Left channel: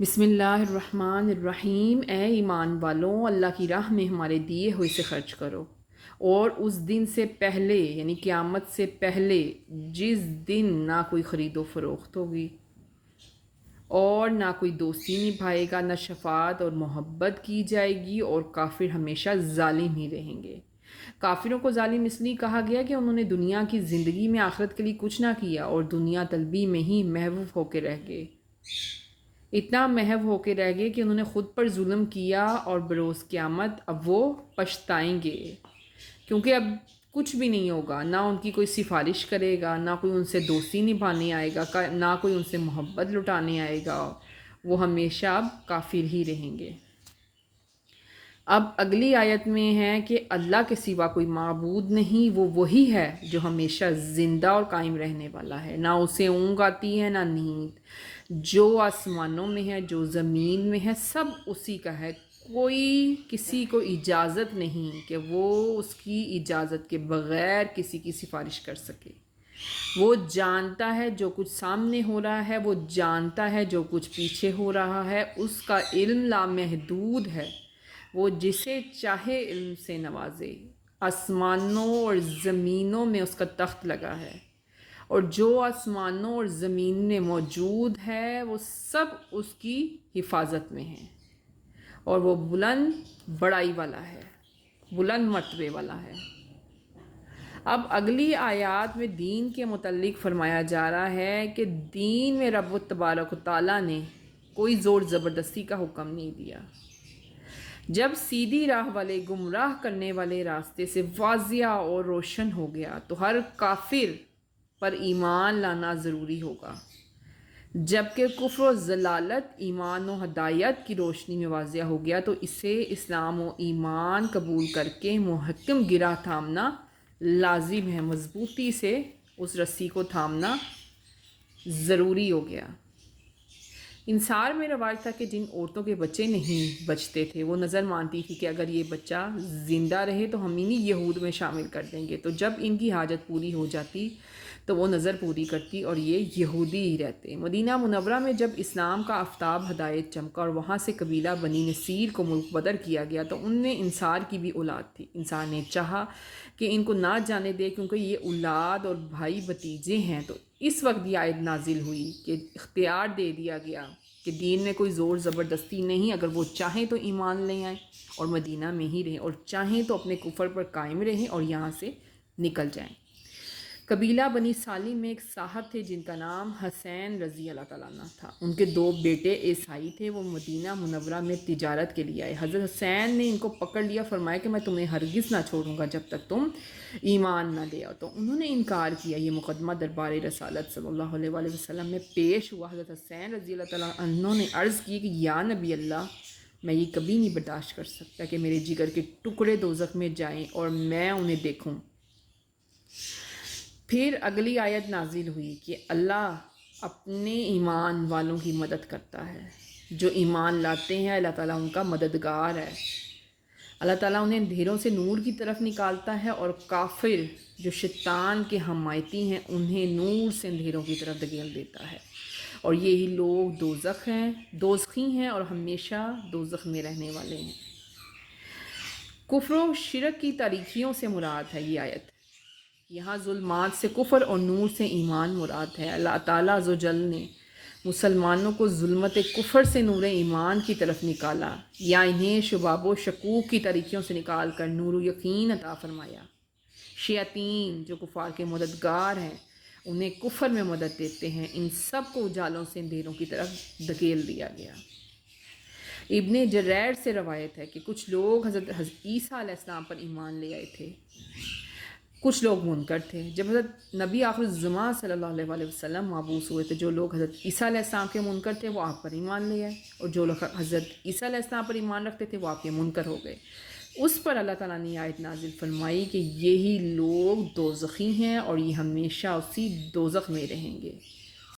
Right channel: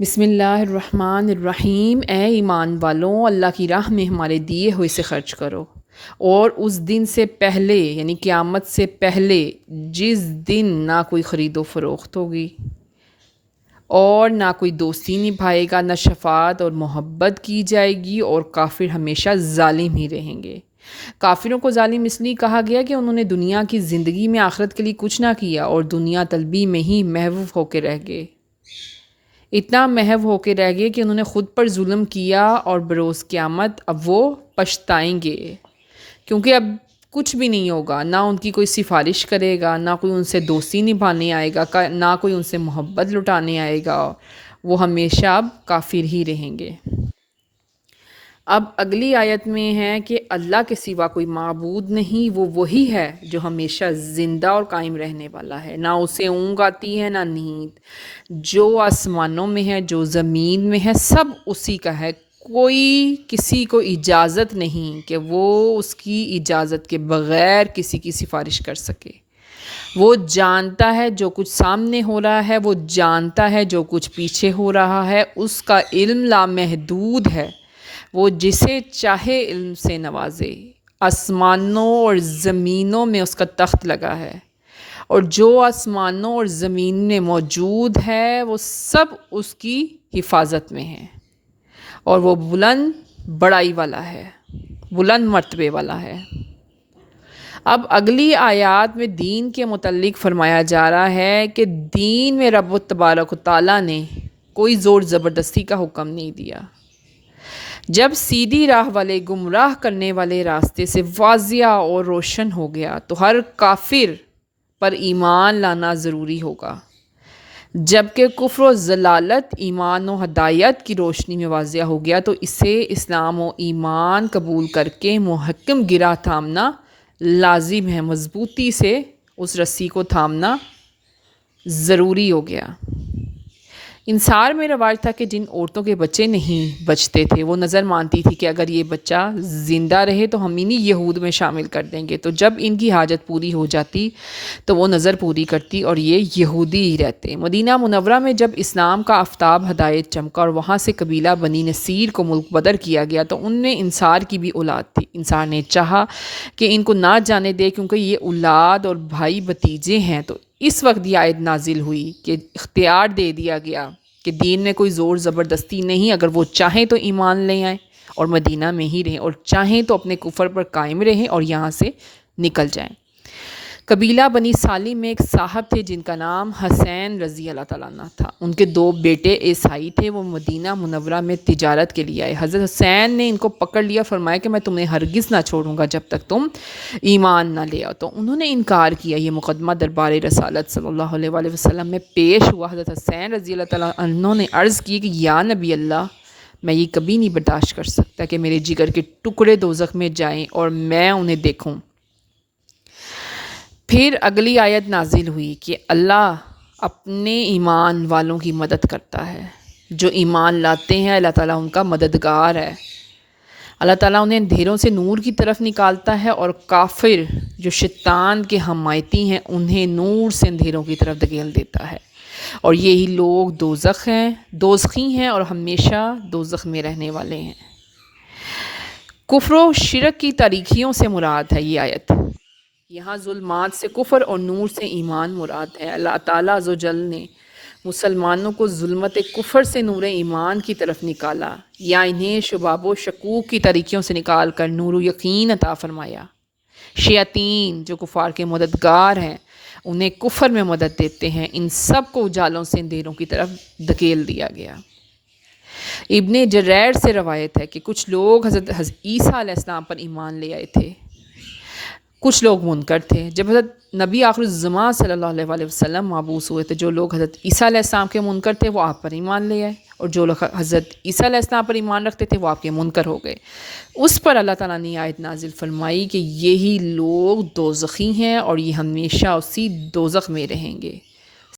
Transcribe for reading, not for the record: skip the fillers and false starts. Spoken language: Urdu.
بسم اللہ الرحمن الرحیم۔ اے ایمان والوں، اللہ کی راہ میں ہمارے دیے ہوئے سے خرچ کرو، اور اس دن سے پہلے یعنی قیامت سے پہلے جس دن نہ کوئی خرید و فروخت ہوگی اور نہ کوئی دوستی نبھائے گا، نہ شفاعت اور محبت کی جائے گی، اور کافر ہمیشہ ظالم ہی رہیں گے۔ کافروں کو ظالم اس لیے کہا گیا کہ انہوں نے دنیا کی زندگی میں آخرت کے لیے کچھ نہ کیا اور دنیا طلبی میں ہی محو ہو کے رہ گئے، اتنا محو ہو کے رہ گئے کہ انہوں نے خود پر ظلم کیا، اور بروز قیامت اب وہ پچھتائیں گے، کیونکہ اب کچھ بھی نہیں ہوگا، نہ ان کی کوئی سفارش کرے گا، نہ کوئی ان سے دوستی نبھانے آئے گا، نہ کوئی ان سے محبت لٹانے آئے گا، وہ ہمیشہ اب کافر ہی رہیں گے۔ اب اگلی آیت میں ہے کہ اللہ کے سوا کوئی معبود نہیں، وہ وہی ہے جو ہمیشہ زندہ اور قائم رہنے والا ہے، نہ اسے اونگ آتی ہے نہ نیند، جو آسمانوں میں ہے جو زمین میں ہے سب اسی کا ہے، کوئی کسی کو اجازت نہیں کہ وہ اس کی اجازت کے بغیر کسی کی سفارش کر سکے۔ وہ جانتا ہے جو کچھ سامنے ہو رہا ہے، وہ جانتا ہے جو کچھ پیچھے ہو رہا ہے، اس کا علم لامحدود ہے، وہ جسے چاہے علم سے نوازے۔ آسمانوں اور زمینوں میں اس کا تخت لگا ہے، اور جو آسمانوں اور زمین میں موجود ہے وہ سب اس کی حفاظت میں ہے، اور وہ بلند بڑائی والا ہے، بلند مرتبے والا ہے۔ اب اگلی آیات میں دین کے متعلق فرمایا جا رہا ہے کہ دین میں رب تبارک و تعالیٰ نے کوئی زور زبردستی کا حکم نہیں دیا۔ جب سیدھی راہ والے گمراہ کرنے والے راستے سے واضح اور روشن ہو گیا تو ہر کافر پر ایمان لانا ضروری ہوگا، جبکہ کفر و ضلالت ایمان و ہدایت کی روشنی میں واضح ہو گیا تو اسے اسلام و ایمان قبول کر کے محکم گرہ تھامنا لازم ہے، مضبوطی سے اس رسی کو تھامنا ضروری ہو گیا۔ انصار میں رواج تھا کہ جن عورتوں کے بچے نہیں بچتے تھے وہ نظر مانتی تھی کہ اگر یہ بچہ زندہ رہے تو ہم انہیں یہود میں شامل کر دیں گے، تو جب ان کی حاجت پوری ہو جاتی تو وہ نظر پوری کرتی اور یہ یہودی ہی رہتے۔ مدینہ منورہ میں جب اسلام کا آفتاب ہدایت چمکا اور وہاں سے قبیلہ بنی نصیر کو ملک بدر کیا گیا تو ان میں انصار کی بھی اولاد تھی۔ انصار نے چاہا کہ ان کو نہ جانے دے کیونکہ یہ اولاد اور بھائی بھتیجے ہیں، تو اس وقت یہ آیت نازل ہوئی کہ اختیار دے دیا گیا کہ دین میں کوئی زور زبردستی نہیں، اگر وہ چاہیں تو ایمان لے آئیں اور مدینہ میں ہی رہیں، اور چاہیں تو اپنے کفر پر قائم رہیں اور یہاں سے نکل جائیں۔ قبیلہ بنی سالم میں ایک صاحب تھے جن کا نام حسین رضی اللہ تعالیٰ عنہ تھا، ان کے دو بیٹے عیسائی تھے، وہ مدینہ منورہ میں تجارت کے لیے آئے۔ حضرت حسین نے ان کو پکڑ لیا، فرمایا کہ میں تمہیں ہرگز نہ چھوڑوں گا جب تک تم ایمان نہ لے آؤ، تو انہوں نے انکار کیا۔ یہ مقدمہ دربار رسالت صلی اللہ علیہ وآلہ وسلم میں پیش ہوا۔ حضرت حسین رضی اللہ تعالیٰ عنہ نے عرض کی کہ یا نبی اللہ، میں یہ کبھی نہیں برداشت کر سکتا کہ میرے جگر کے ٹکڑے دوزخ میں جائیں اور میں انہیں دیکھوں۔ پھر اگلی آیت نازل ہوئی کہ اللہ اپنے ایمان والوں کی مدد کرتا ہے، جو ایمان لاتے ہیں اللہ تعالیٰ ان کا مددگار ہے۔ اللہ تعالیٰ انہیں اندھیروں سے نور کی طرف نکالتا ہے، اور کافر جو شیطان کے حمایتی ہیں انہیں نور سے اندھیروں کی طرف دھکیل دیتا ہے، اور یہی لوگ دوزخی ہیں اور ہمیشہ دوزخ میں رہنے والے ہیں۔ کفر و شرک کی تاریکیوں سے مراد ہے یہ آیت، یہاں ظلمات سے کفر اور نور سے ایمان مراد ہے۔ اللہ تعالیٰ عز و جل نے مسلمانوں کو ظلمت کفر سے نور ایمان کی طرف نکالا، یا انہیں شباب و شکوک کی تاریکیوں سے نکال کر نور و یقین عطا فرمایا۔ شیاطین جو کفار کے مددگار ہیں انہیں کفر میں مدد دیتے ہیں، ان سب کو اجالوں سے اندھیروں کی طرف دھکیل دیا گیا۔ ابن جریر سے روایت ہے کہ کچھ لوگ حضرت عیسیٰ علیہ السلام پر ایمان لے آئے تھے، کچھ لوگ منکر تھے۔ جب حضرت نبی آخر الزمان صلی اللہ علیہ وآلہ وسلم مبعوث ہوئے تھے، جو لوگ حضرت عیسیٰ علیہ السلام کے منکر تھے وہ آپ پر ایمان لے آئے، اور جو لوگ حضرت عیسیٰ علیہ السلام پر ایمان رکھتے تھے وہ آپ کے منکر ہو گئے۔ اس پر اللہ تعالیٰ نے آیت نازل فرمائی کہ یہی لوگ دوزخی ہیں اور یہ ہمیشہ اسی دوزخ میں رہیں گے۔